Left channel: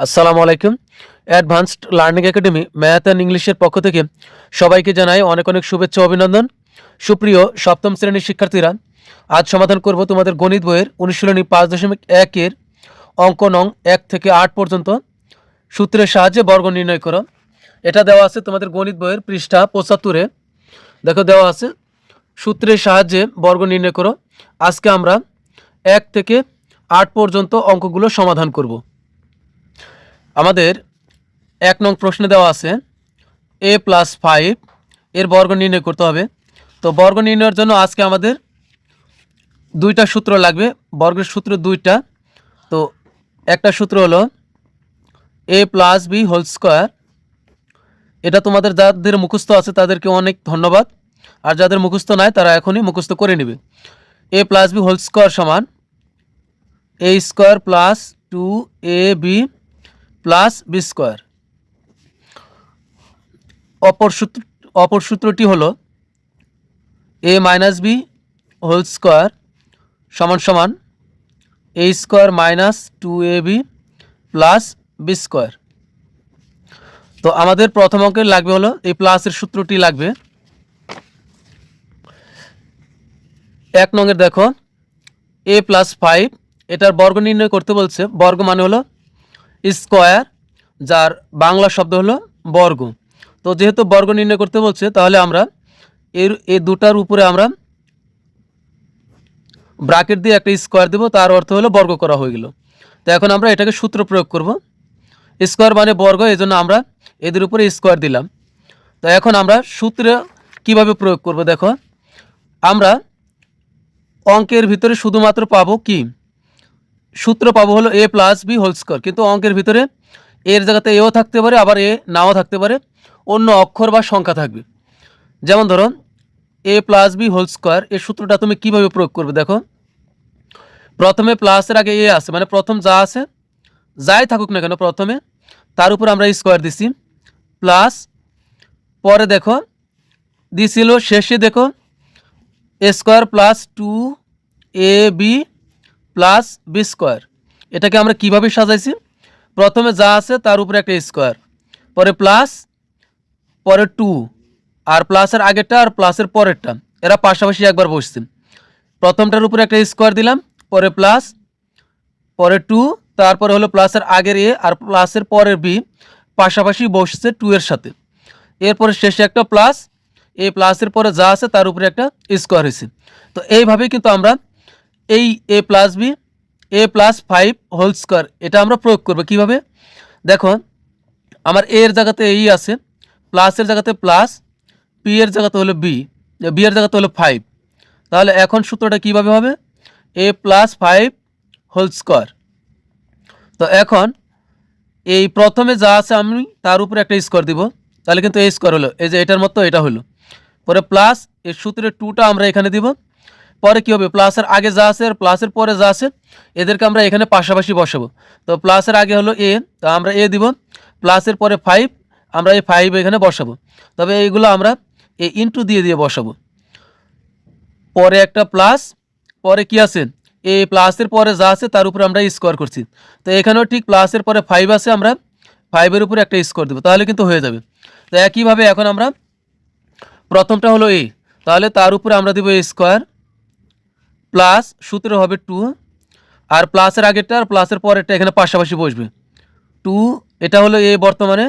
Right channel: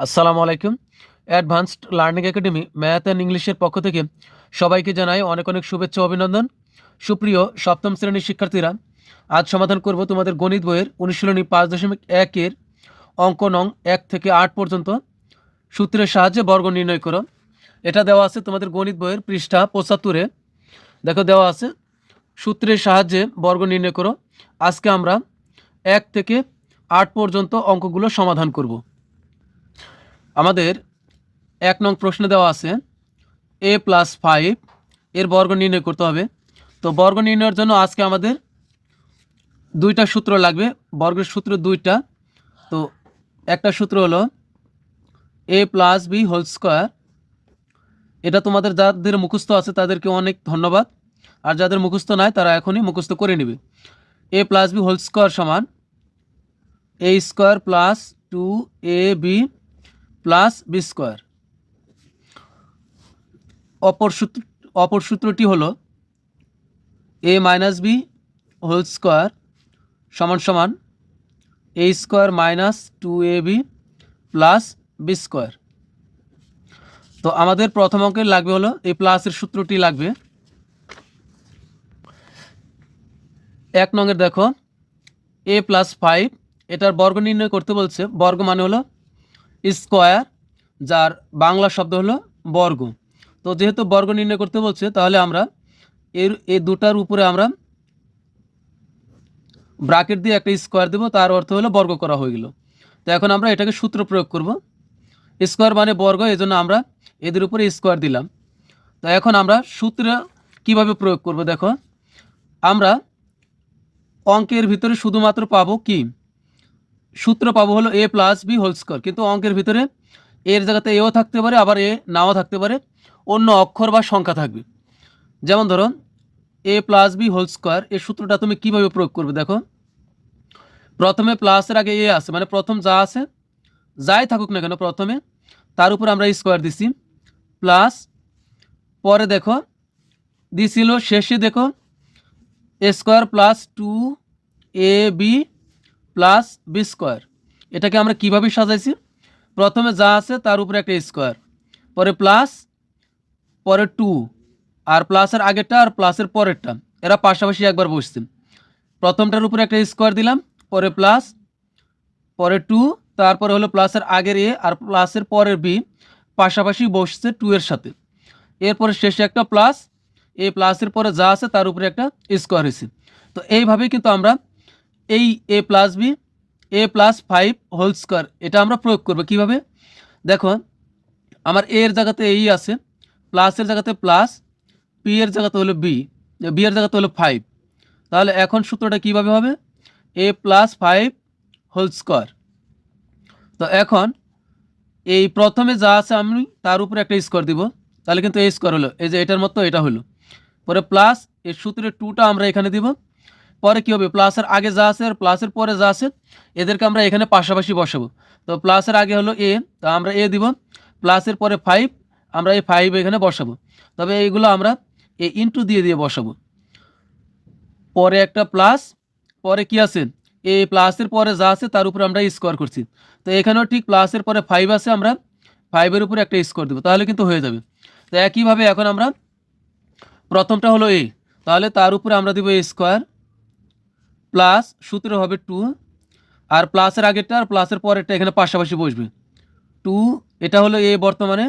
আসসালামু আলাইকুম। Advanced learning academy math and ইংলিশের পক্ষ থেকে সবাইকে জানাই অনেক অনেক শুভেচ্ছা অভিনন্দন। সুপ্রিয় সপ্তম শ্রেণির শিক্ষার্থীরা, আজ সমাধান করব তোমাদের গণিত বইয়ের অনুশীলনী পাঁচ দশমিক একের অঙ্ক নং এক থেকে আট পর্যন্ত। সূত্রের সাহায্যে বর্গ নির্ণয় করো। এটা দেওয়া আছে তোমাদের গণিত বইয়ের পৃষ্ঠা পঁচাত্তরে দেখো দেওয়া আছে। সূত্রের সাহায্যে বর্গ নির্ণয় করো। আজকে আমরা এক থেকে আট পর্যন্ত অঙ্কগুলো সমাধান করব। আমাদের এক নং প্রশ্নে দেওয়া আছে এ প্লাস ফাইভ এর বর্গ নির্ণয় করতে হবে। তো বর্গ নির্ণয়ের জন্য আজকে আমাদের দুইটা সূত্র লাগবে, বর্গের সূত্র দুইটা। তো একটা সূত্র হলো A plus B whole square এটা তোমাদের যাদের মুখস্থ আছে তাদেরকে অনেক ধন্যবাদ। আর যাদের মুখস্থ নাই তারা এখনই মুখস্থ করে নেবে। A plus B whole square সমান A square plus two A B plus B square. অপর সূত্র, অপর সূত্রটি হলো A minus B whole square সমান সমান A square minus two A B plus B square তো আমাদের প্রথম অঙ্কের লাগবে হলো, এই প্লাসের সূত্রটি লাগবে। এক নঙের দেখো এ প্লাস ফাইভ এটার বর্গ নির্ণয় করতে বলছে, বর্গ মানে হলো স্কোয়ার, যার বাংলা শব্দ হলো বর্গ। তো যেহেতু বর্গ নির্ণয় করতে বলছে, তাহলে আমরা এর এই দুটার উপরে আমরা ব্রাকেট দিয়ে একটা স্কোয়ার দেবো, তার অর্থ হলো বর্গ করা হয়ে গেল। তো এখন আমরা এটাকে সূত্র প্রয়োগ করব। স্কোয়ার মানে বর্গ এই জন্য আমরা এদের উপরে স্কোয়ার দিলাম। তো এখন আমরা সূত্র কীভাবে প্রয়োগ করব, দেখো। আমরা অঙ্কের ভিতরে শুধুমাত্র পাবো কি? সূত্র পাবো হলো A plus B whole square কিন্তু অঙ্কের ভিতরে এর জায়গাতে এও থাকতে পারে, আবার এ নাও থাকতে পারে। অন্য অক্ষর বা সংখ্যা থাকবে। যেমন ধরো A plus B whole square এই সূত্রটা তুমি কীভাবে প্রয়োগ করবে দেখো। প্রথমে প্লাসের আগে এ আছে মানে প্রথম যা আছে, যাই থাকুক না কেন প্রথমে, তার উপর আমরা স্কোয়ার দিছি। প্লাস পরে দেখো, দিছিল, শেষে দেখো square plus two A B plus B square. এটাকে আমরা কীভাবে সাজাইছি? প্রথমে যা আছে তার উপরে একটা স্কোয়ার। পরে প্লাস, পরে টু। আর প্লাসের আগেরটা আর প্লাসের পরেরটা। এরা পাশাপাশি একবার বসছেন প্রথমটার উপরে একটা স্কোয়ার দিলাম, পরে প্লাস, পরে টু, তারপরে হলো প্লাসের আগের এ আর প্লাসের পরের বি পাশাপাশি বসছে টু এর সাথে। এরপরে শেষে একটা প্লাস, এই প্লাসের পরে যা আছে তার উপরে একটা স্কোয়ার হয়েছে। তো এইভাবেই কিন্তু আমরা এই A plus B A plus five whole square এটা আমরা প্রয়োগ করব কীভাবে? দেখো, আমার এ এর জায়গাতে এই আছে প্লাসের জায়গাতে প্লাস পি এর জায়গাতে হলো বি বি এর জায়গাতে হলো ফাইভ তাহলে এখন সূত্রটা কীভাবে হবে? A plus five whole square তো এখন এই প্রথমে যা আছে আমি তার উপরে একটা স্কোয়ার দিব, তাহলে কিন্তু এই স্কোয়ার হলো। এই যে এটার মতো এটা হলো। পরে প্লাস এই সূত্রের টুটা আমরা এখানে দিব। পরে কী হবে? প্লাসের আগে যা আছে আর প্লাসের পরে যা আছে, এদেরকে আমরা এখানে পাশাপাশি বসাবো। তো প্লাসের আগে হলো এ তো আমরা এ দিব। প্লাসের পরে ফাইভ আমরা এই ফাইভ এখানে বসাবো। তবে এইগুলো আমরা এই ইনটু দিয়ে দিয়ে বসাবো। পরে একটা প্লাস পরে কি আছে? এ প্লাসের পরে যা আছে, তার উপরে আমরা স্কোয়ার করছি। তো এখানেও ঠিক প্লাসের পরে ফাইভ আছে, আমরা ফাইভের উপরে একটা স্কোয়ার দেবো। তাহলে কিন্তু হয়ে যাবে। তো একইভাবে এখন আমরা প্রথমটা হলো এ তাহলে তার উপরে আমরা দেবো স্কোয়ার প্লাস সূত্র হবে টু, আর প্লাসের আগেরটা আর প্লাসের পরেরটা এখানে পাশাপাশি বসবে। টু, এটা হলো এ বর্তমানে,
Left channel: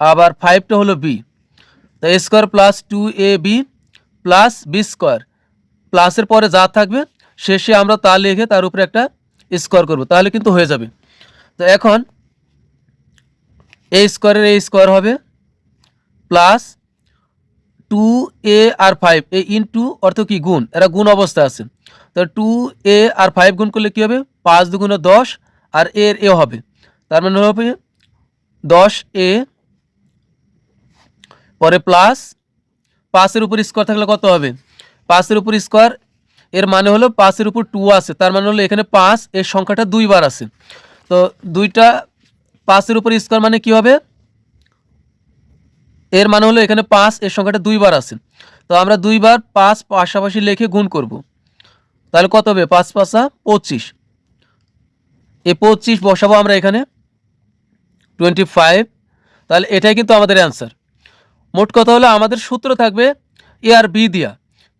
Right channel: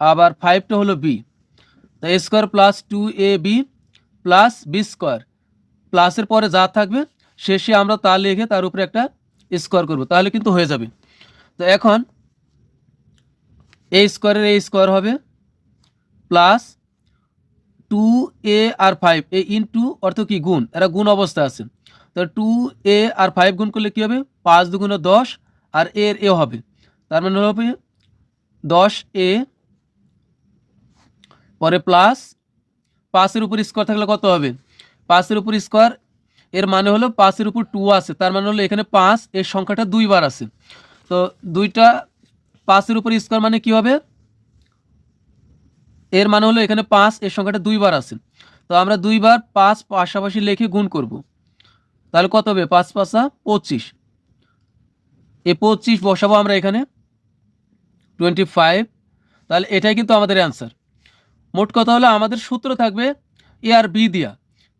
আবার ফাইভটা হলো বি। তো A square plus two A B plus B square. প্লাসের পরে যা থাকবে, শেষে আমরা তা লিখে তার উপরে একটা স্কোয়ার করব, তাহলে কিন্তু হয়ে যাবে। তো এখন এ স্কোয়ারের এ স্কোয়ার হবে প্লাস টু এ আর ফাইভ, এ ইন্টু অর্থ কি? গুণ, এরা গুণ অবস্থায় আছে। তো টু এ আর ফাইভ গুণ করলে কী হবে? পাঁচ দুগুণে দশ আর এর এ হবে। তার মানে হবে দশ এ পরে প্লাস পাঁচের উপর স্কোয়ার থাকলে কত হবে? পাঁচের উপর স্কোয়ার এর মানে হলো পাঁচের উপর টু আছে। তার মানে হলো এখানে পাঁচ এর সংখ্যাটা দুইবার আছে। তো দুইটা পাঁচের উপর স্কোয়ার মানে কি হবে? এর মানে হলো এখানে পাঁচ এর সংখ্যাটা দুইবার আছে। তো আমরা দুইবার পাঁচ পাশাপাশি লিখে গুণ করব। তাহলে কত হবে? পাঁচ পাঁচা পঁচিশ। এই পঁচিশ বসাবো আমরা এখানে। টোয়েন্টি ফাইভ তাহলে এটাই কিন্তু আমাদের অ্যান্সার মোট কথা হলো আমাদের সূত্র থাকবে এ আর বি দিয়া।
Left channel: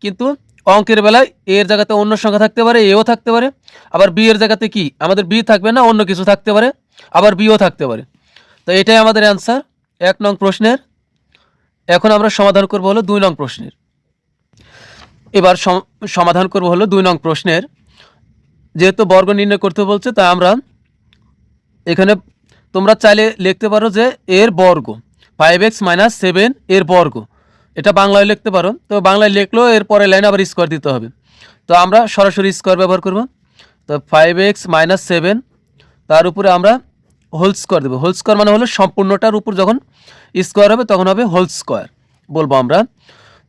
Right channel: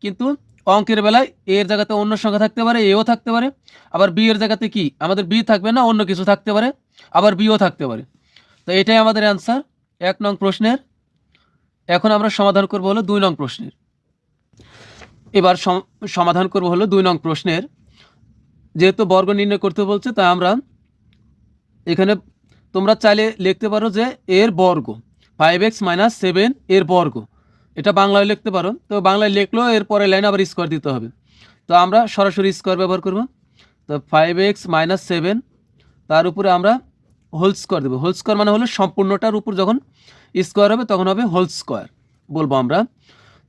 কিন্তু অঙ্কের বেলায় এ এর জায়গাতে অন্য সংখ্যা থাকতে পারে, এও থাকতে পারে। আবার বি এর জায়গাতে কি? আমাদের বি থাকবে না, অন্য কিছু থাকতে পারে। আবার বিও থাকতে পারে। তো এটাই আমাদের অ্যান্সার এক নং প্রশ্নের। এখন আমরা সমাধান করব হলো দুই নং প্রশ্নের। এবার সম- সমাধান করব হলো দুই নং প্রশ্নের। যেহেতু বর্গ নির্ণয় করতে বলছে তাই আমরা এখানে তোমরা চাইলে লিখতে পারো যে এর বর্গ ফাইভ এক্স মাইনাস সেভেন এর বর্গ। এটা বাংলায় লিখতে পারো। তো বাংলায় লিখলেও এর পরে লাইন আবার স্কোয়ার দিতে হবে। তো আমরা সরাসরি স্কোয়ার ব্যবহার করব। তো ফাইভ এক্স মাইনাস সেভেন তার উপরে আমরা হোল স্কোয়ার দেবো। হোল স্কোয়ার মানে হলো সম্পূর্ণটার উপর যখন স্কোয়ার হবে, তখন হবে হোল স্কোয়ার বলব আমরা।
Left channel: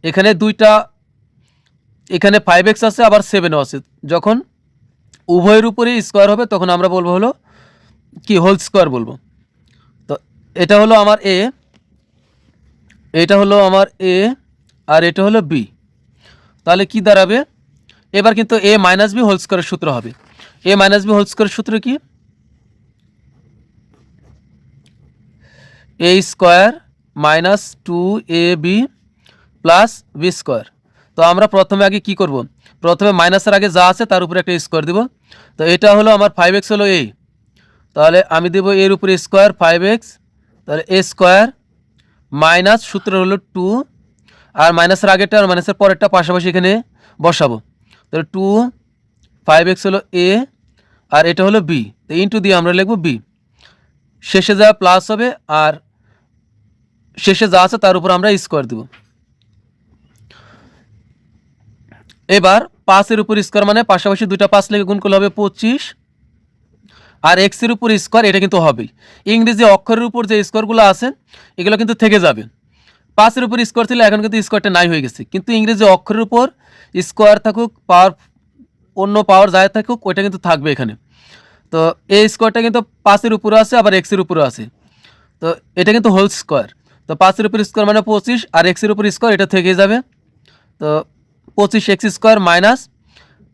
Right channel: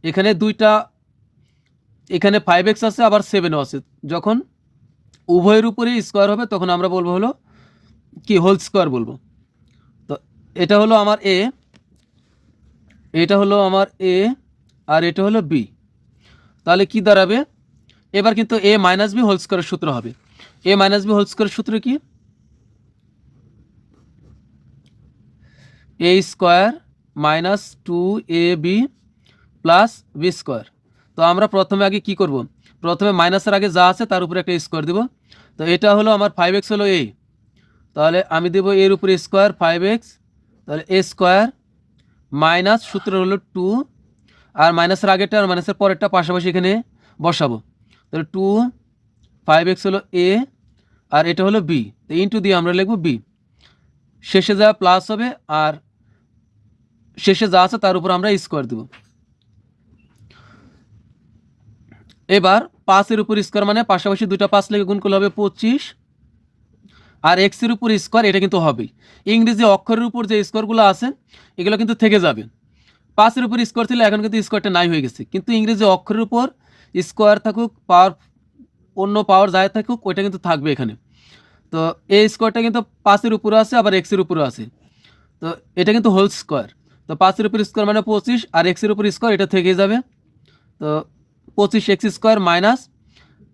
এখানে দুইটা এখানে ফাইভ এক্স আছে, আবার সেভেনও আছে। যখন উভয়ের উপরে স্কোয়ার হবে, তখন আমরা বলব হলো কি হোল স্কোয়ার বলব। তো এটা হলো আমার এ এটা হলো আমার এ আর এটা হলো বি তাহলে কি দাঁড়াবে? এবার কিন্তু এ মাইনাস বি হোল স্কোয়ারের সূত্র হবে। এ মাইনাস বি হোল স্কোয়ারের সূত্র কি? A square minus two A B plus B square তো আমরা প্রথমে আগে কি করব? প্রথমে মাইনাসের আগে যা আছে তার উপরে একটা স্কোয়ার দিব। তো এটা হলো আমার ফাইভ এক্স হলো এই তাহলে আমি দেবো এর উপরে স্কোয়ার ফাইভ এক্স তাহলে এ স্কোয়ার মাইনাস সূত্র হলো টু আর মাইনাসের আগেরটা আর মাইনাসের পরেরটা পাশাপাশি এখানে বসাবো। তাহলে টু ফাইভ এক্স হলো এ আর এটা হলো বি তো ইন্টু দিয়ে আমরা লিখব বি শেষে যা প্লাস হবে আর শেষে যা আছে তার উপর আমরা স্কোয়ার দেব। এবার পাঁচের উপর স্কোয়ার মানে পাশাপাশি দুইটা পাঁচ লেগে গুণ করলে হবে পঁচিশ। আর এক্সের উপর স্কোয়ার এটা কিন্তু হবেই। ইংরেজি অক্ষরের উপর যে স্কোয়ারগুলো আছে, এগুলো কিন্তু থেকে যাবে। পাঁচের উপর স্কোয়ার ছিল, এখন কিন্তু স্কোয়ারটা নাই হয়ে গেছে। কিন্তু ইংরেজি অক্ষরের উপর স্কোয়ার থাকুক পাওয়ার অন্য পাওয়ার যায় থাকুক, ওইটা কিন্তু থাকবে এখানে। তো এই স্কোয়ারটা কিন্তু পাঁচের উপরে আছে, আবার এক্সের উপরে আছে। তো এটা কিন্তু হোল স্কোয়ার তো পাঁচের উপর স্কোয়ার মানে পঁচিশ, আর এক্সের উপর স্কোয়ার এটা থেকে যাবে। তো পঁচিশ এক্স স্কোয়ার মাইনাস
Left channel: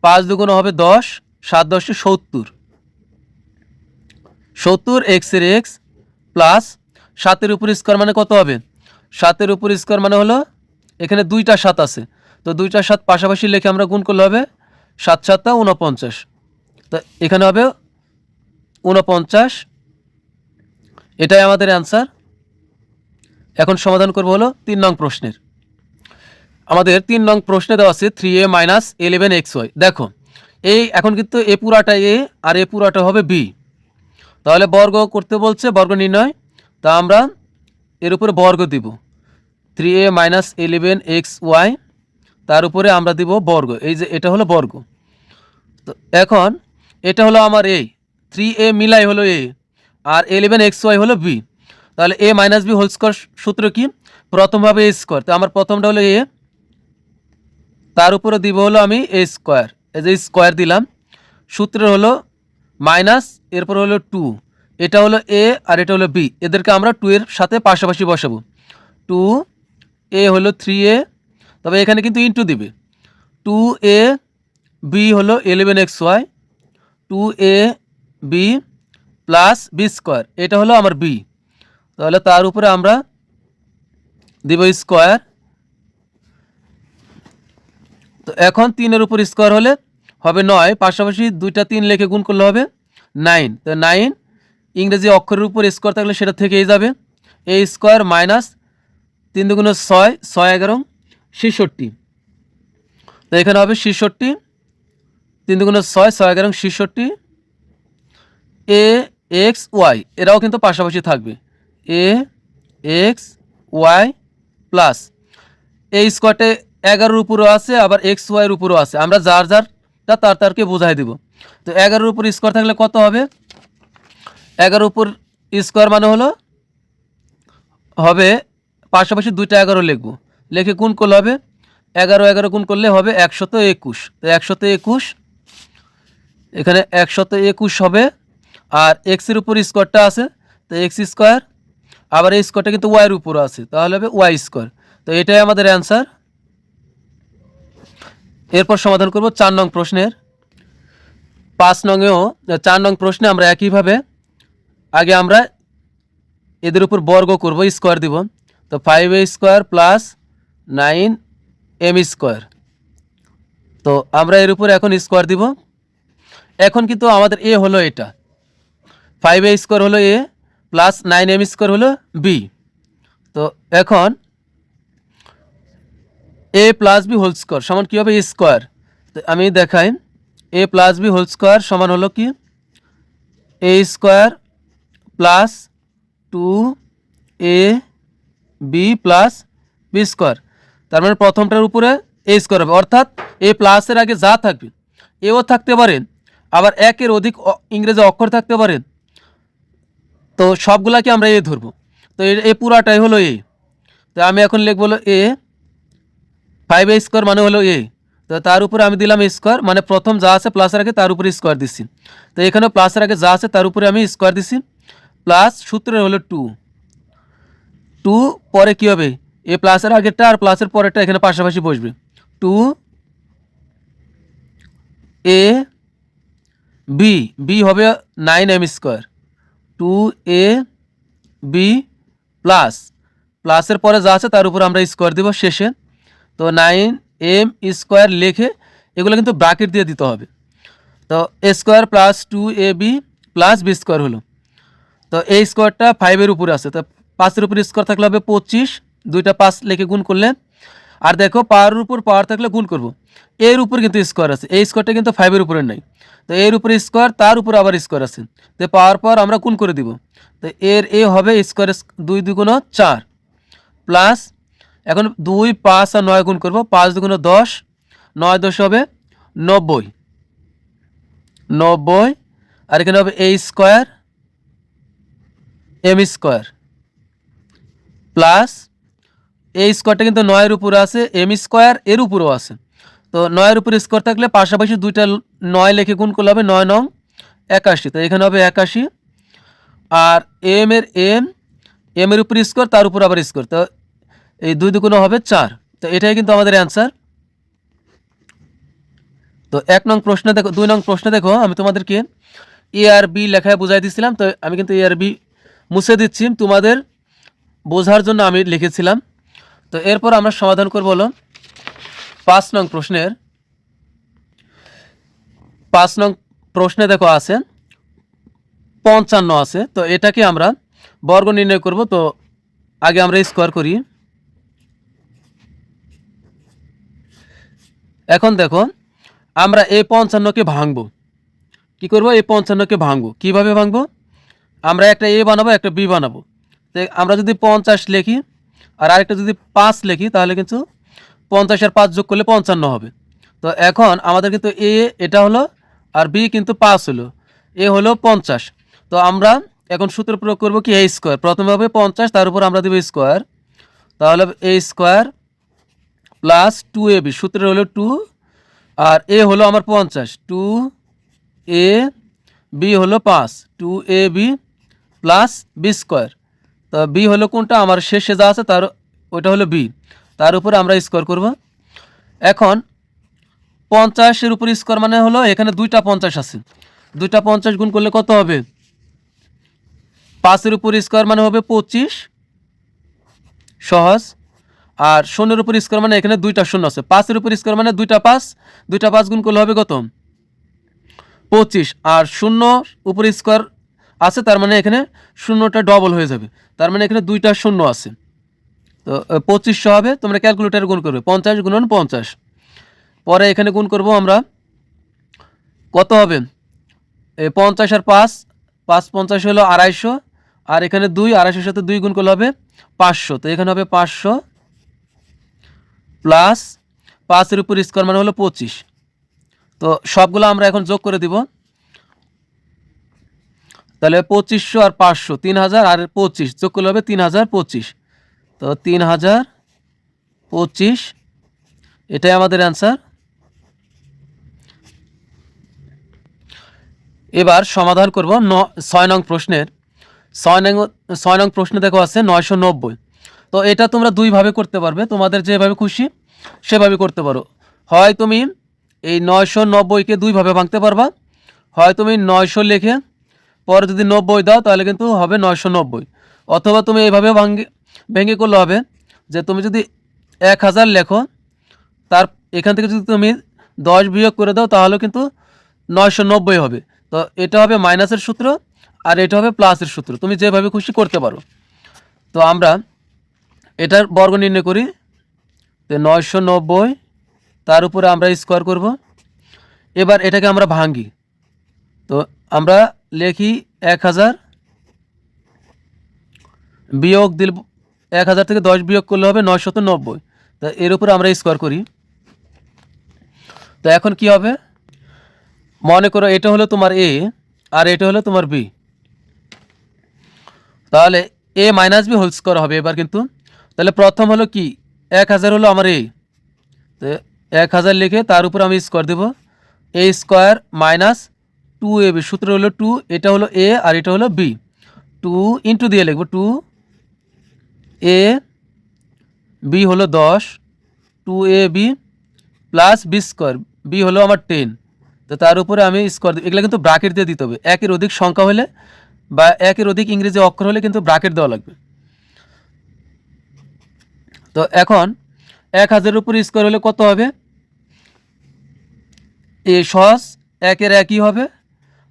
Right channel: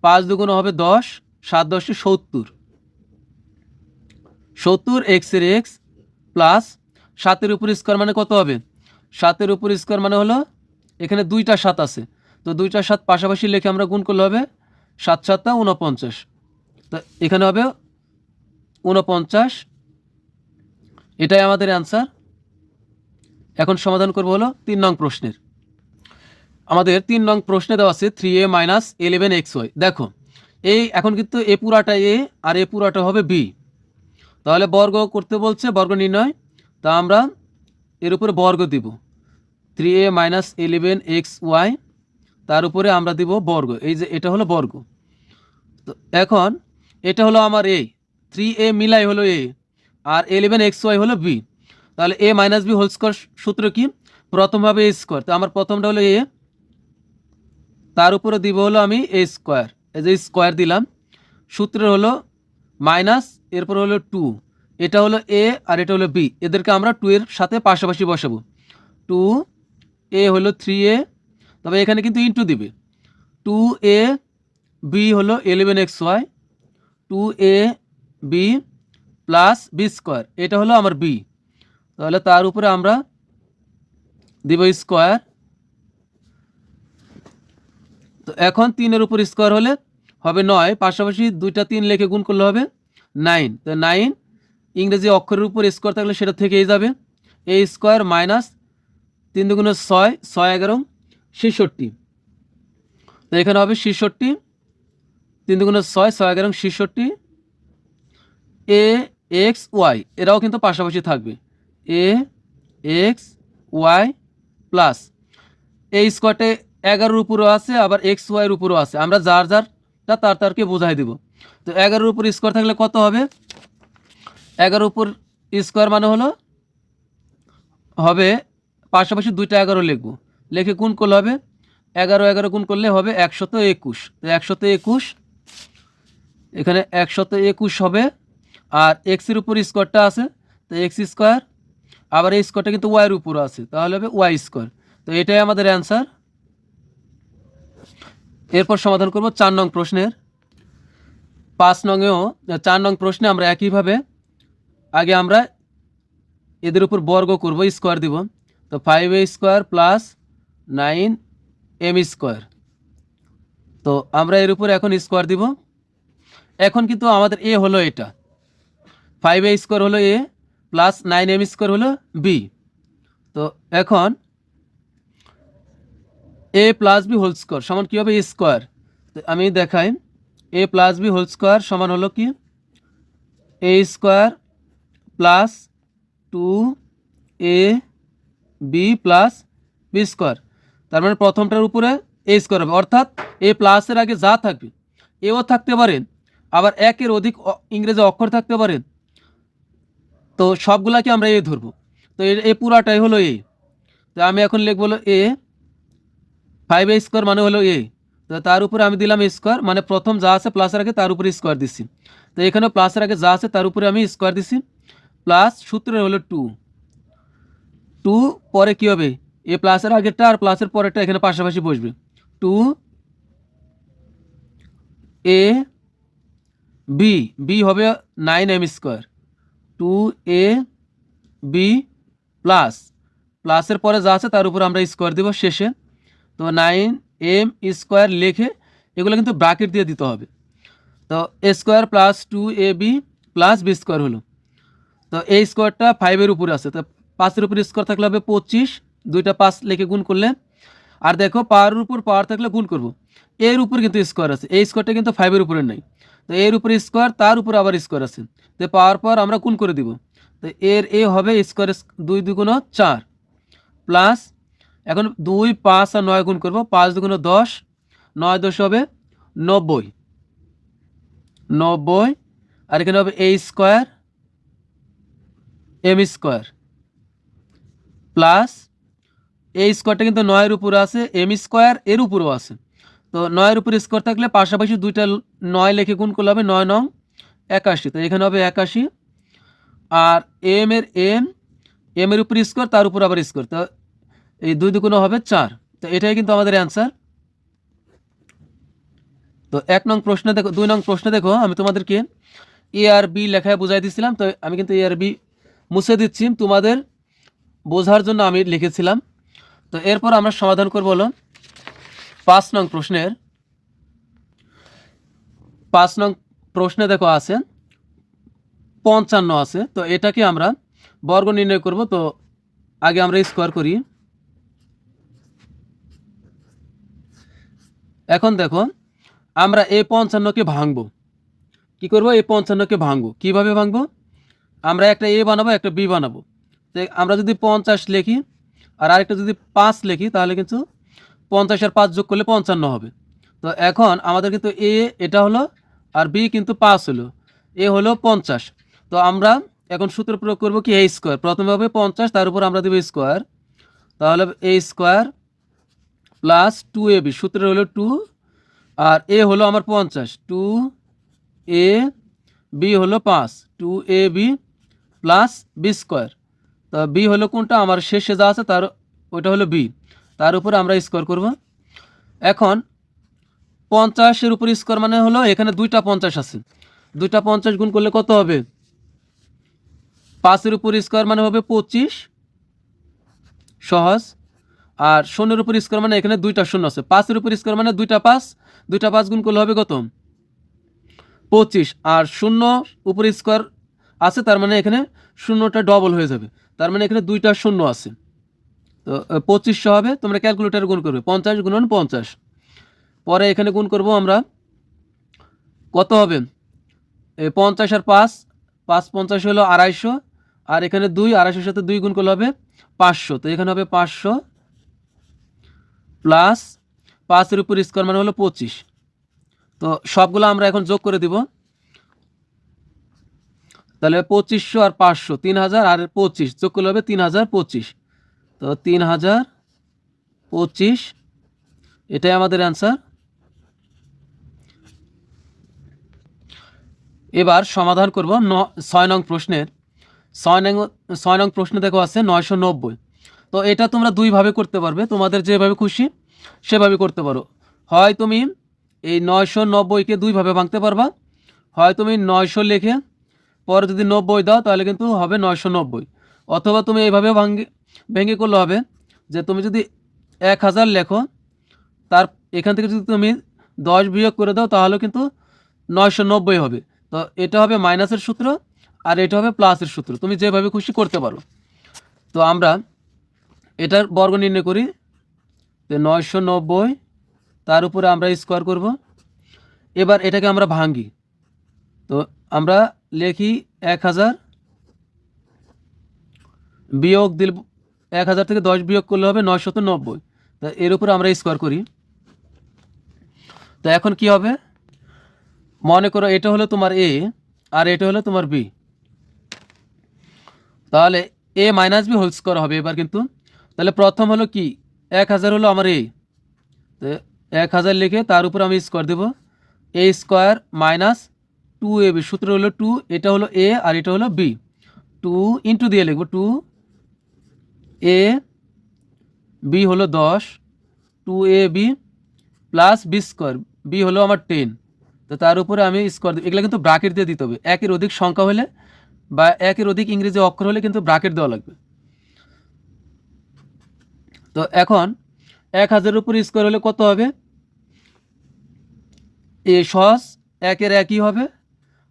পাঁচ দুগুণ হবে দশ, সাত দশে সত্তর। সত্তর এক্সের এক্স প্লাস সাতের উপর স্কোয়ার মানে কত হবে? সাতের উপর স্কোয়ার মানে হলো এখানে দুইটা সাত আছে। তো দুইটা সাত পাশাপাশি লিখে আমরা গুণ করলে হবে সাত সাতটা উনপঞ্চাশ তো এখানে হবে উনপঞ্চাশ এটাই আমাদের অ্যান্সার এখন সমাধান করব হলো তিন নং প্রশ্নের। আমাদের তিন নং প্রশ্নে দেওয়া আছে three A minus eleven X Y দেখো, এই এখন কিন্তু এ পুরাটা এ আর এ পুরাটা হবে বি তাহলে বর্গ করতে বলছে, বর্গ নির্ণয়। তা আমরা এর উপরে বর্গ দিব। Three A minus eleven X Y তার উপরে আমরা দিব বর্গ। এই যে এটা হলো বর্গ। তো এখন এটা হলো আমার এ থ্রি এ মিলাই হলো এ আর ইলেভেন এক্স ওয়াই হলো বি তাহলে A minus B whole square সূত্র কি? প্রথমভাবে এ স্কোয়ার তো আমার প্রথমটা হলো এ তার উপরে দিব হলো আমি এ স্কোয়ার এই যে স্কোয়ার দিলাম। সূত্র হলো মাইনাস এরপর হলো টু এটা হলো এ আর এটা হলো বি এদেরকে আমরা টু এর সাথে পাশাপাশি বসাবো। টু এ হলো থ্রি এ তবে এখানে কিন্তু ইনটু দিবে। টু এ বি হলো eleven X Y two A B plus B square এটা হলো আমার বি তাহলে তার উপরে আমরা দিব স্কোয়ার তো এখন তিনের উপর স্কোয়ার হলে হবে নয়, পাশাপাশি দুইটা তিন লেখে গুণ করলে হবে নাইন। তো নাইন ইংরেজি অক্ষরের উপর স্কোয়ার থাকলে সেটা থেকেই যাবে। এ স্কোয়ার মাইনাস তিন দুগুণ ছয় ছয় এগারো, ছেষট্টি। তো এখানে হবে ছেষট্টি, তিন দুগুণ ছয় ছয় এগারো, ছেষট্টি। এ, এক্স, ওয়াই, এরাও কিন্তু পাশাপাশি থাকবে। A, X, Y plus. এই স্কোয়ারটে এগারোর উপরও আছে, আবার এক্স ওয়াইয়ের উপরও আছে। আমরা যার যারটা তার তারকে বোঝাই দেব। তো এগারোর উপর স্কোয়ার থাকলে কত হবে? এগারোর উপর স্কোয়ার মানে হলো, হবে পাশাপাশি দুইটা এগারো লিখব। লিখে কোন করলে হবে, এগারো এগারো গুণ করলে হবে একশত একুশ। তো একশত একুশ, এখানে একশত একুশ হবে, আর এক্সের উপর স্কোয়ারটা আছে, তো এক্স স্কোয়ার আবার এই স্কোয়ারটা কিন্তু ওয়াইয়ের উপর আছে, তাহলে হবে ওয়াই স্কোয়ার তো এটাই আমাদের অ্যান্সার এরপর সমাধান করব চার নং প্রশ্নের। পাঁচ নংয়েও, চার নং প্রশ্নে আমরা একইভাবে আগে আমরা এদের উপর বর্গ করব, স্কোয়ার দিব। তো five A square plus nine M square তো আমরা এর উপর এখন স্কোয়ার দিব। এখন কিন্তু আমাদের এ হলো এটা। ফাইভ এ স্কোয়ার হলো A plus nine M square হলো বি তো এখন A plus B whole square সমান কী হবে? স্কোয়ার তো আমি দেখাই। A plus B whole square সমান হলো কি? A square plus two A B plus B square তার মানে প্রথমটার উপরে এ স্কোয়ার হবে। অর্থাৎ এ প্লাসের আগে যা থাকবে এও থাকতে পারে, আবার একের অধিক ইংরেজি অক্ষর থাকতে পারে। তো সবগুলাকে আমরা এ ধরবো। তো এ- এ পুরাটাই হলো এ তো আমি এখন লিখব হলো এ ফাইভ এ স্কোয়ার মানে হলো এ তো তার উপরে আমি দিলাম স্কোয়ার মানে প্রথম যা আছে প্লাসের আগে তার উপরে স্কোয়ার দিচ্ছি তো এখানে প্লাসের আগে যা আছে তার উপরে আমি স্কোয়ার দিচ্ছি প্লাস সূত্রে হলো টু টু পরে কী হবে? এ প্লাসের আগেরটা আর প্লাসের পরেরটা এখানে পাশাপাশি বসবে। টু এ বি বি হবে nine M square two A B plus প্লাসের পরে যা আছে তার উপর আমরা স্কোয়ার দিব শেষে। তো নাইন এম স্কোয়ার লিখে এগুলো কিন্তু ব্রাকেট দিয়ে দিতে হবে। তো square plus two A B plus B square হলো। তো এই স্কোয়ারটা ফাইভের উপরে আছে। তো পাঁচের উপরে স্কোয়ার থাকলে হবে পঁচিশ, দুইটা পাঁচ লিখে গুণ করলে। আর দেখো পাওয়ারের উপর পাওয়ার থাকলে গুণ করব। এর উপর কিন্তু স্কোয়ার আছে। এই স্কোয়ারটা কিন্তু ফাইভের উপরে নাই। তো এর উপরে স্কোয়ার তার উপর আবার স্কোয়ার আছে। তো পাওয়ার পর আমরা গুণ করে দিব। তো এর এ হবে স্কোয়ার দুই দুগুণ চার প্লাস এখন দুই, পাঁচ আর নয় গুণ করব, পাঁচ দুগুণ দশ, নয় দশ হবে নব্বই। নব্বই, আর এখানে হবে A square M square plus এই স্কোয়ারটা কিন্তু নয়ের উপরে আছে এম স্কোয়ার এর উপরেও আছে। তো নয়ের উপরে স্কোয়ার থাকলে পাশাপাশি দুইটা নয় লেখে গুণ করলে হবে নয় নং একাশি। তো এখানে হবে একাশি, আর এম এর এম এম এর উপরে স্কোয়ার তার উপর আবার স্কোয়ার তো এই দুই দুগুণ হবে চার। তো এটাই কিন্তু আমাদের অ্যান্সার তো এক নং প্রশ্নে দেখো, দুই নং প্রশ্নে দেখো, আমি তোমাদেরকে এ আর বি লেখায় বুঝাই দিছিলাম, তো আমি কিন্তু এ আর বি মুছে দিচ্ছি। তোমাদের বোঝার জন্য আমি লিখেছিলাম। তো এরপর আমরা সমাধান করব হলো পাঁচ নং প্রশ্নের। পাঁচ নং প্রশ্নে দেখো আছে, পঞ্চান্ন আছে। তো এটাকে আমরা বর্গ নির্ণয় করব। তো আগে আমরা স্কোয়ার করি। এখন দেখো, আমরা এই পঞ্চান্নকে ভাঙবো। কি করব? এই পঞ্চান্নকে ভাঙবো। কীভাবে ভাঙবো? আমরা একটা এ বানাবো, একটা বি বানাবো। আমরা যদি পঞ্চাশ লিখি, আর আরেকটা যদি পাঁচ লিখি, তাহলে কিন্তু পঞ্চাশ আর পাঁচ যোগ করলে পঞ্চান্ন হবে। তো এখন আমাদের কিন্তু এ, এটা হলো, আর বি কিন্তু পাঁচ হলো। এ হলো পঞ্চাশ। তো আমরা এখন সূত্র প্রয়োগ করব কি? A square. প্রথমে হবে পঞ্চাশ, তার উপর আমরা দেবো স্কোয়ার। তাহলে A square plus two A B সূত্র হলো টু, আর এ হলো আমার পঞ্চাশ। টু এ বি হলো পাঁচ, two A B plus B square. তো বি হলো কোনটা? আমার শেষে যা আছে তার, ওইটা হলো বি। তার উপরে আমরা স্কোয়ার করব। এখন পঞ্চাশের উপর স্কোয়ার মানে হলো এখানে দুইটা পঞ্চাশ আছে। দুইটা পঞ্চাশ গুণ করলে কত হবে? পাঁচের উপর স্কোয়ার মানে হবে পঁচিশ। সহজ। আর শূন্যের উপর স্কোয়ার মানে এখানে দুইটা শূন্য আছে। পাঁচের উপর স্কোয়ার মানে দুইটা পাঁচ। দুইটা পাঁচ গুণ করলে হবে কত? পঁচিশ। আর শূন্য উপর স্কোয়ার আছে, তার মানে এখানে শূন্যটা ডবল হয়ে যাবে। তার মানে এখানে দুইটা শূন্য আছে। তো পঁচিশশো হবে, তোমরা ক্যালকুলেটার গুণ করবে। পঞ্চাশ গুণন পঞ্চাশ। পরে এখানে গুণ করব আমরা কত হবে? এই পঞ্চাশ আর পাঁচ। পাঁচ পঞ্চাশ হলো আড়াইশো। আর এখানে দুই, আড়াইশোর সাথে দুই গুণ করলে হবে পাঁচশো। তো এখানে হবে পাঁচশো। প্লাস পাঁচের উপর স্কোয়ার মানে হলো পঁচিশ। তো সবগুলো আমরা এখন যোগ করে দিব। তাহলে পঁচিশশো আর পাঁচশো তিন হাজার আর পঁচিশ, যোগ করলে হবে তিন হাজার পঁচিশ। তো তিন হাজার পঁচিশ, এটাই আমাদের অ্যান্সার এবার সমাধান করব ন, ছয় নং প্রশ্নের। ছয় নং ছয় নং প্রশ্নে দেখো আছে নয়শো নব্বই। তো এটা তোমরা দুইভাবে করতে পারবে। তোমাদের যেভাবে খুশি, সেভাবে করতে পারো। হয় তুমি এই নয়শো নব্বইকে দুইভাবে ভাঙতে পারবা। হয় তুমি নয়শো লিখে পরে যদি নব্বই দাও, তাহলে কিন্তু হবে নয়শো নব্বই। অথবা তুমি এইভাবে ভাঙ্গে ভেঙে করলে হবে যে তুমি যদি এক হাজার লেখো, তার এখান থেকে যদি তুমি দশ বিয়োগ করে দাও, তাহলে কিন্তু নয়শো নব্বই হবে। তো এটা হবে মাইনাসের সূত্র আর এটা হবে প্লাসের সূত্র। তুমি যেভাবে খুশি করতে পারো। তো আমরা এটার বর্গ নির্ণয় করি। তো নয়শো নব্বই, তার উপরে আমরা স্কোয়ার করব। এবার এটাকে আমরা ভাঙ্গি। তো আমরা লেখি এক হাজার, বিয়োগ দিল এক হাজার থেকে দশ বিয়োগ করলে হবে নয়শত নব্বই। তা এর উপরে আমরা স্কোয়ার করি। তো এখন কি হবে? মনে করো এটা হলো তোমার এ আর এটা হলো তোমার বি তাহলে A minus B whole square হবে এবার কিন্তু। তাহলে প্রথম হলো কি? এক হাজার হলো আমার এ তো এক হাজার লিখে তার উপর আমি স্কোয়ার দেবো। A square minus two A B সূত্র হলো টু এটা হলো এ আর এটা হলো বি টু ইন্টু দিয়ে লিখব টু এ বি হলো দশ two A B plus B square B হলো আমার টেন তো তার উপরে আমি স্কোয়ার এগুলো কিন্তু ব্রাকেট দিয়ে দিতে হবে। একের অধিক সংখ্যা হলে বা একের অধিক ইংরেজি অক্ষর হলে কিন্তু ব্রাকেট দেওয়া লাগবে। তো এখন এক হাজারের উপর স্কোয়ার হলে কত হবে? এ সহজ একের একই হবে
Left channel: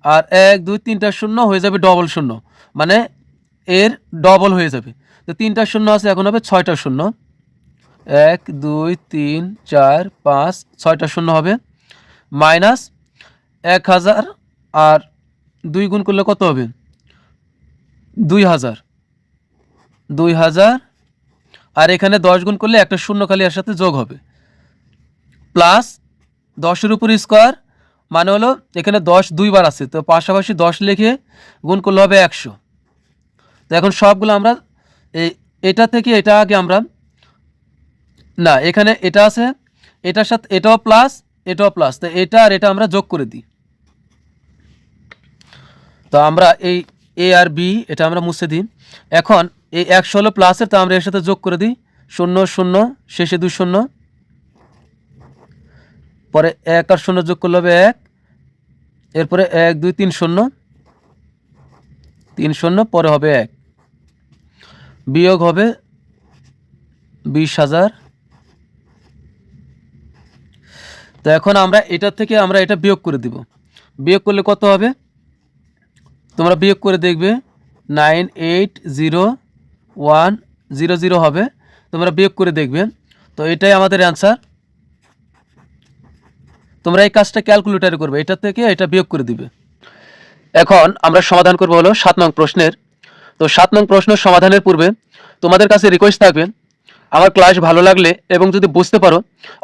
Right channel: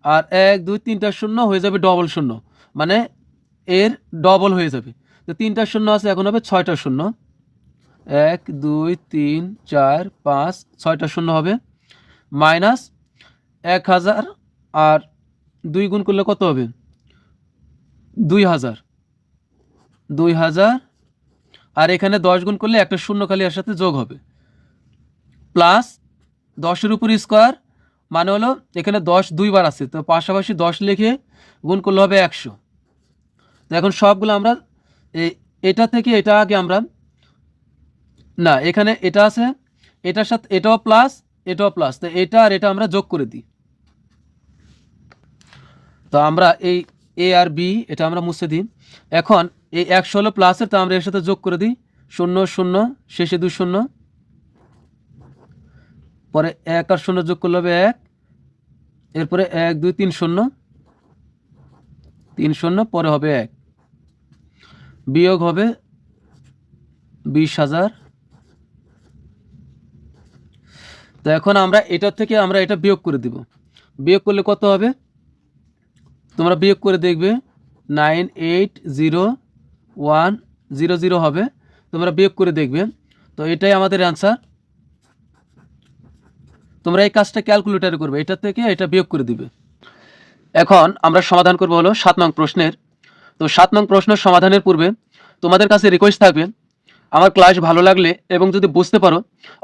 আর এক, দুই, তিনটা শূন্য হয়ে যাবে ডবল শূন্য। মানে এর ডবল হয়ে যাবে। তো তিনটা শূন্য আছে, এখন হবে ছয়টা শূন্য। এক, দুই, তিন, চার, পাঁচ, ছয়টা শূন্য হবে। মাইনাস এক হাজার আর দুই গুণ করলে কত হবে? দুই হাজার। দুই হাজার আর এখানে দশ গুণ করলে একটা শূন্য খালি এর সাথে যোগ হবে। প্লাস দশের উপর স্কোয়ার মানে হলো এখানে দশ দুইবার আছে, তো পাশাপাশি দশ লিখে গুণ করলে হবে একশো। তো এখন সবগুলো আমরা এটা থেকে এটা আগে আমরা না, এখানে এটা আছে, এটার সাথে এটাও প্লাস এটাও প্লাস তো এটা আর এটা আমরা যোগ করে দিই। তো আমরা এই এ আর বি এটা আমরা মুছে দিই। এখন এই একশো হলো প্লাসের, তা আমরা এর সাথে যোগ করে দিই। শূন্য শূন্য, শেষে দুই শূন্য। পরে এক আর শূন্য যোগ করলে হবে এক। এরপরে এক, দুই, তিন শূন্য। তিন শূন্য, পরে হবে এক। বিয়োগ হবে বিশ হাজার। তো এখন আমরা এটা থেকে আমরা এটা বিয়োগ করে দিব। বিয়োগ করলে কত হবে? তোমরা বিয়োগ করে দেখবে। Nine, eight, zero one zero zero হবে। তোমরা বিয়োগ করে দেখবে। তো এটাই আমাদের অ্যান্সার তোমরা এই কাজটা ক্যালকুলেটারে করবে। এটা থেকে এটা বিয়োগ করে দিবে। এখন আমরা সমাধান করব হলো সাত নং প্রশ্নের। তো সাত নং প্রশ্ন সমাধানের পূর্বে তোমাদের কাছে রিকোয়েস্ট থাকবে। আমার ক্লাস ভালো লাগলে এবং যদি বুঝতে পারো,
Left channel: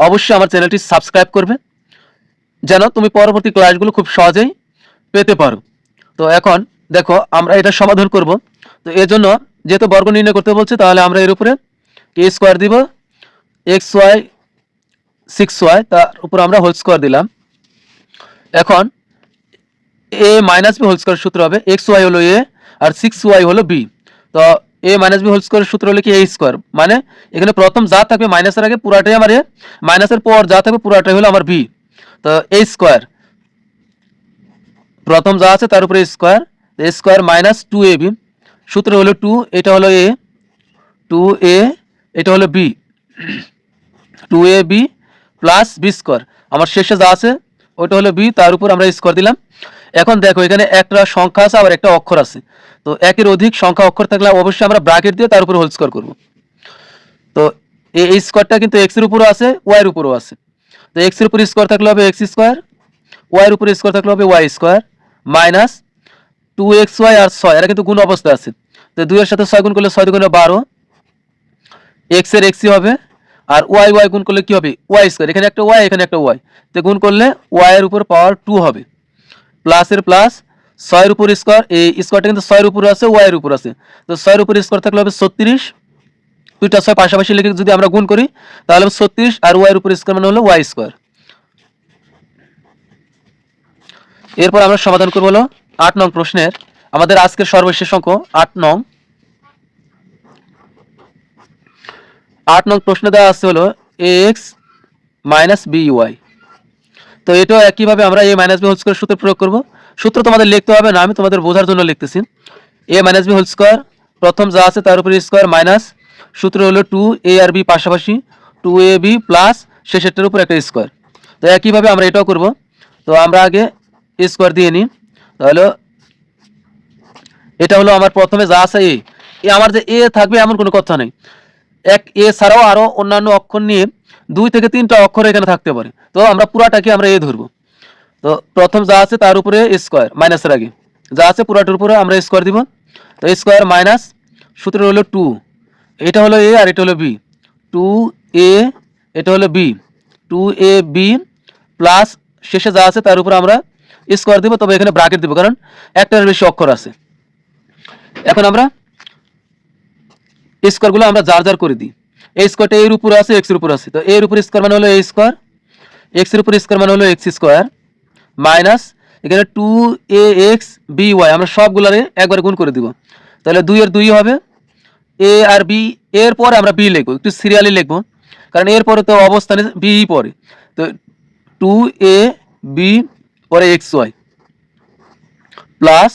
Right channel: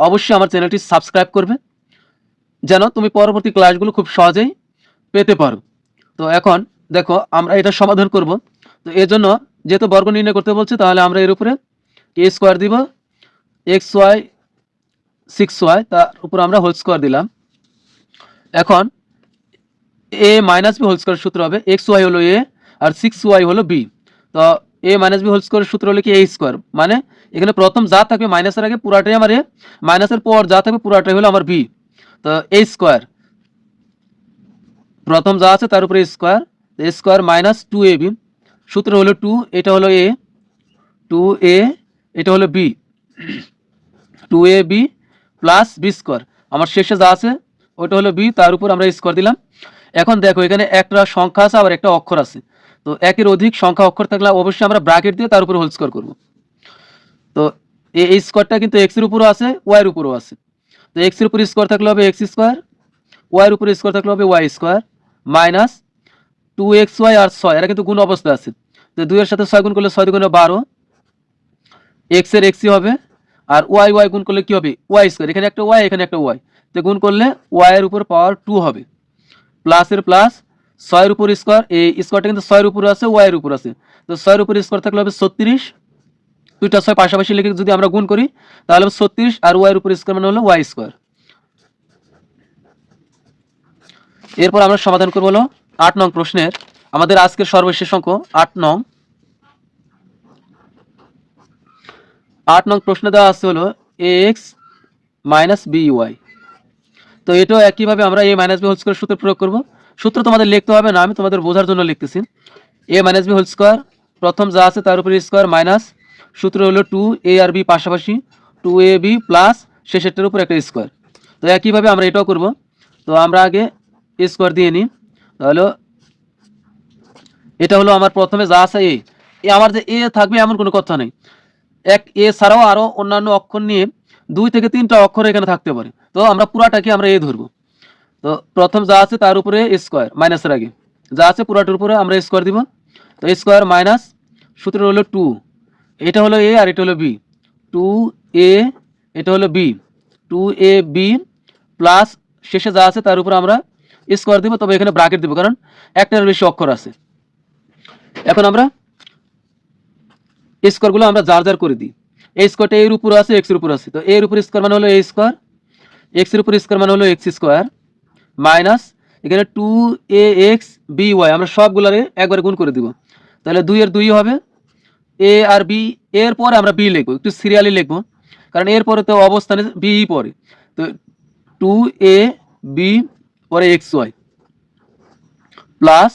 অবশ্যই আমার চ্যানেলটি সাবস্ক্রাইব করবে। যেন তুমি পরবর্তী ক্লাসগুলো খুব সহজেই পেতে পারো। তো এখন দেখো, আমরা এটা সমাধান করব। তো এর জন্য যেহেতু বর্গ নির্ণয় করতে বলছে, তাহলে আমরা এর উপরে এ স্কোয়ার দিব? এক্স ওয়াই সিক্স ওয়াই তার উপর আমরা হোল স্কোয়ার দিলাম। এখন A minus B whole square সূত্র হবে এক্স ওয়াই হলো এ আর সিক্স ওয়াই হলো বি তো এ মাইনাস বি হোল স্কোয়ারের সূত্র হলো কি এ স্কোয়ার মানে এখানে প্রথম যা থাকবে মাইনাসের আগে পুরাটাই আমার এ মাইনাসের পর যা থাকবে পুরাটাই হলো আমার বি তো এ স্কোয়ার প্রথম যা আছে তার উপরে square square minus two A B সূত্র হলো টু এটা হলো এ টু এ এটা হলো B two A B plus B square আমার শেষে যা আছে, ওটা হলো বি তার উপর আমরা স্কোয়ার দিলাম। এখন দেখো, এখানে একটা সংখ্যা আছে, আবার একটা অক্ষর আছে। তো একের অধিক সংখ্যা অক্ষর থাকলে অবশ্যই আমরা ব্র্যাকেট দিয়ে তার উপর হোল স্কোয়ার করব। তো এই স্কোয়ারটা কিন্তু এক্সের উপরও আছে ওয়াইয়ের উপরও আছে। তো এক্সের উপর স্কোয়ার থাকলে হবে এক্স স্কোয়ার ওয়াইয়ের উপর স্কোয়ার থাকলে হবে Y square minus two X Y আর ছয়, এরা কিন্তু গুণ অবস্থায় আছে। তো দুইয়ের সাথে ছয় গুণ করলে ছয় দুগুণে বারো, এক্সের এক্সই হবে, আর ওয়াই ওয়াই গুণ করলে কি হবে? ওয়াই স্কোয়ার, এখানে একটা ওয়াই, এখানে একটা ওয়াই। তো গুণ করলে ওয়াই এর উপর পাওয়ার টু হবে। প্লাসের প্লাস ছয়ের উপর স্কোয়ার এই স্কোয়ারটা কিন্তু ছয়ের উপর আছে, ওয়াই এর উপর আছে। তো ছয়ের উপর স্কোয়ার থাকলে হবে ছত্রিশ। দুইটা ছয় পাশাপাশি লিখে যদি আমরা গুণ করি, তাহলে হবে ছত্রিশ, আর ওয়াই এর উপর স্কোয়ার মানে হলো ওয়াই স্কোয়ার। এরপর আমরা সমাধান করব হলো আট নং প্রশ্নের, আমাদের আজকের সর্বশেষ অঙ্ক আট নং। আট নং প্রশ্ন দেওয়া আছে হলো এক্স মাইনাস বি ওয়াই তো এটাও একইভাবে আমরা A minus B whole square সূত্র প্রয়োগ করব। সূত্র তোমাদের লিখতে হবে না, আমি তোমাদের বোঝার জন্য লিখতেছি। A minus B whole square প্রথম যা আছে তার উপরে স্কোয়ার মাইনাস সূত্র হলো টু এ আর বি পাশাপাশি টু এ বি প্লাস শেষেরটার উপর একটা স্কোয়ার তো একইভাবে আমরা এটাও করব। তো আমরা আগে স্কোয়ার দিয়ে নিই। তাহলে এটা হলো আমার প্রথমে যা আছে এ এ আমার যে এ থাকবে এমন কোনো কথা নেই। এক এ ছাড়াও আরও অন্যান্য অক্ষর নিয়ে দুই থেকে তিনটা অক্ষর এখানে থাকতে পারে। তো আমরা পুরাটাকে আমরা এ ধরবো। তো প্রথম যা আছে তার উপরে স্কোয়ার, মাইনাসের আগে। যা আছে পুরাটার উপরে আমরা স্কোয়ার দিব। তো স্কোয়ার মাইনাস সূত্র হলো টু। এটা হলো এ আর এটা হলো বি। টু এ, এটা হলো B. Two A, B plus শেষে যা আছে তার উপরে আমরা স্কোয়ার দিব, তবে এখানে ব্রাকেট দিব, কারণ একটার বেশি অক্ষর আছে। এখন আমরা স্কোয়ারগুলো আমরা যার যার করে দিই। এই স্কোয়ারটা এর উপরে আছে এক্সের উপরে আছে। তো এর উপর স্কোয়ার মানে হলো এ স্কোয়ার এক্সের উপর স্কোয়ার মানে হলো এক্স স্কোয়ার মাইনাস এখানে two A X B Y আমরা সবগুলারে একবার গুণ করে দিব। তাহলে দুই এর দুই হবে এ আর বি এর পরে আমরা বি লিখব, একটু সিরিয়ালি লিখব, কারণ এর পরে তো অবস্থানে বি পরে। তো টু এ বি পরে এক্স ওয়াই প্লাস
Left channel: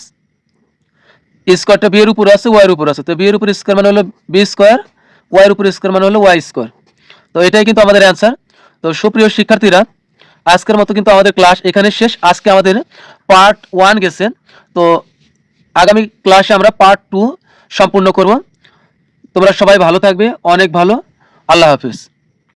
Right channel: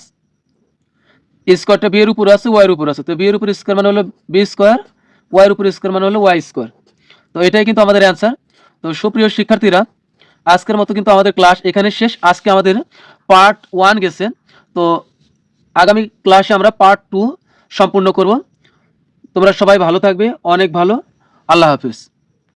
স্কোয়ারটা বি এর উপরে আছে ওয়াই এর উপরে আছে। তো বি এর উপরে স্কোয়ার মানে হলো বি স্কোয়ার ওয়াই এর উপরে স্কোয়ার মানে হলো ওয়াই স্কোয়ার তো এটাই কিন্তু আমাদের অ্যান্সার তো সুপ্রিয় শিক্ষার্থীরা, আজকের মতো কিন্তু আমাদের ক্লাস এখানে শেষ। আজকে আমাদের পার্ট ওয়ান গেছে। তো আগামী ক্লাসে আমরা পার্ট টু সম্পূর্ণ করব। তোমরা সবাই ভালো থাকবে, অনেক ভালো। আল্লাহ হাফিজ।